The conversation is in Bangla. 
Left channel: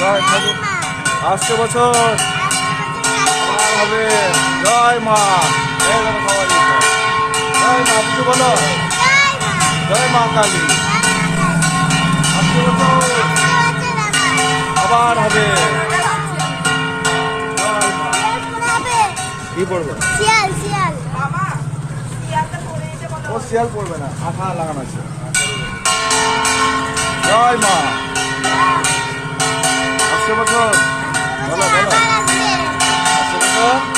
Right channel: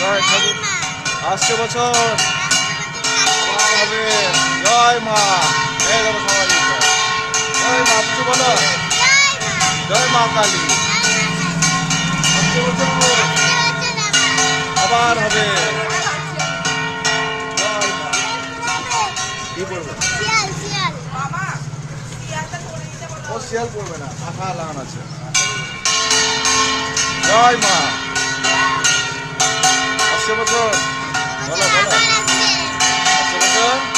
জয় ঠাকুর। আসছে বছর আবার হবে। জয় মা। এই দেখো সবাই দিচ্ছে। জয় মা, কিছু বলো। জয় মা কালী। আসছে বছর আবার হবে। জয় মা। কি পড়বে? ও শিয়াল পড়বে না, আঠা লাগানো আছে। জয় মা। আসছে বছর বলো বলো। আসছে বছর